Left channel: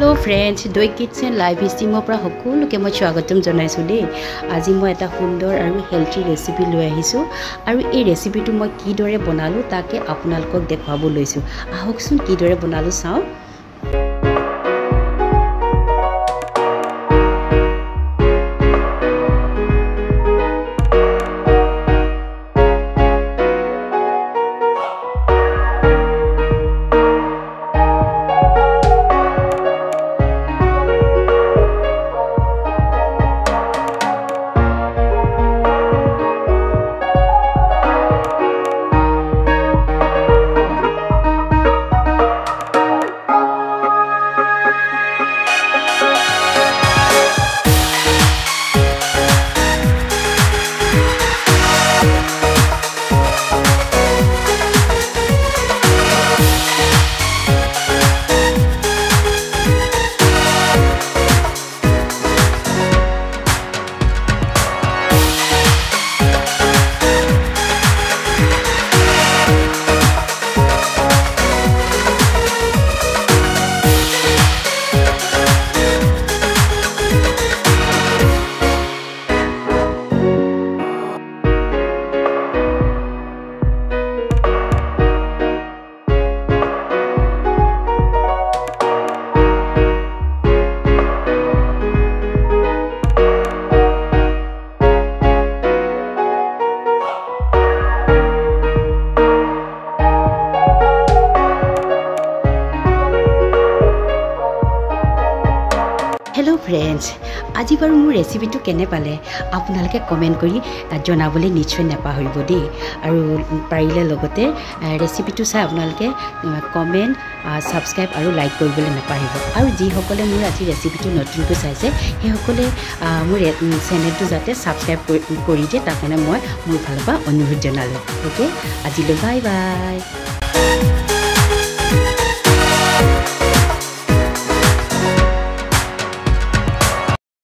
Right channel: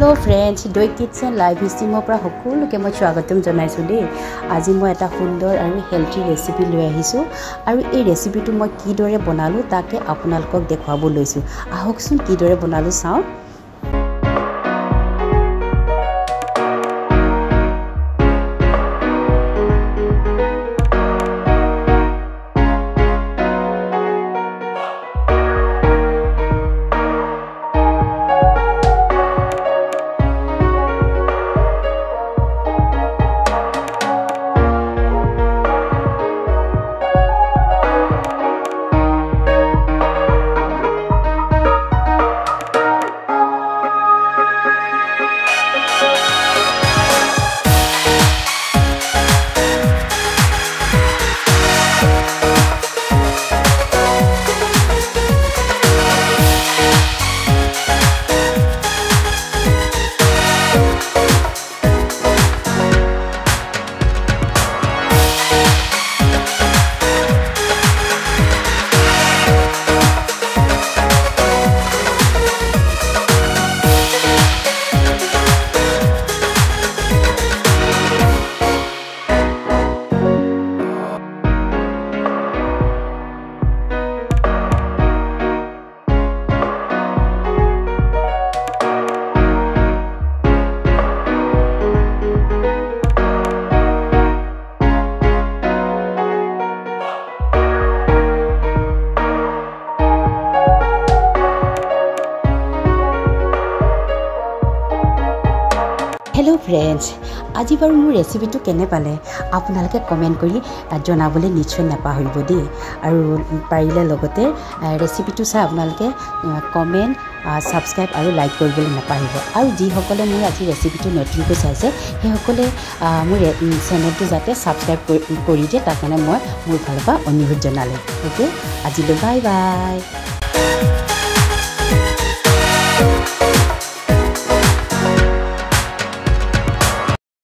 Hello friends, Doi Kitchen Live Streamer পৰা সকলোকে মই স্বাগতম জনাইছো দেই। আজি মই এটা সুন্দৰ আৰু হেলথি ৰেচিপি লৈ আহিছো আৰু এই ৰেচিপিটো মই কিদৰে বনালো তাকে আপোনালোকক দেখাব লৈছো। আহকচোন কিদৰে বনালো চাও। Hello friends, আজি বাৰু মোৰ ৰেচিপিটো কেনে পালে আপোনালোকে কমেন্ট কৰি জনাবলৈ নিশ্চয় নাপাহৰিব দেই আৰু পাৰিলে লগতে ৰেচিপিটো চাই আপোনালোকে কমেন্ট সাবস্ক্ৰাইব আৰু লাইক কৰিবলৈ নাপাহৰিব আৰু যি সকলে মোৰ আজি ৰেচিপিটো নতুনকৈ চাইছে সেই সকলে মোৰ চেনেলটো যাতে সাবস্ক্ৰাইব কৰি দিয়ে তাৰ কাৰণে মই মোৰ ফালৰ পৰা অনুৰোধ জনালো। ওকে আজিলৈ বাই বাই।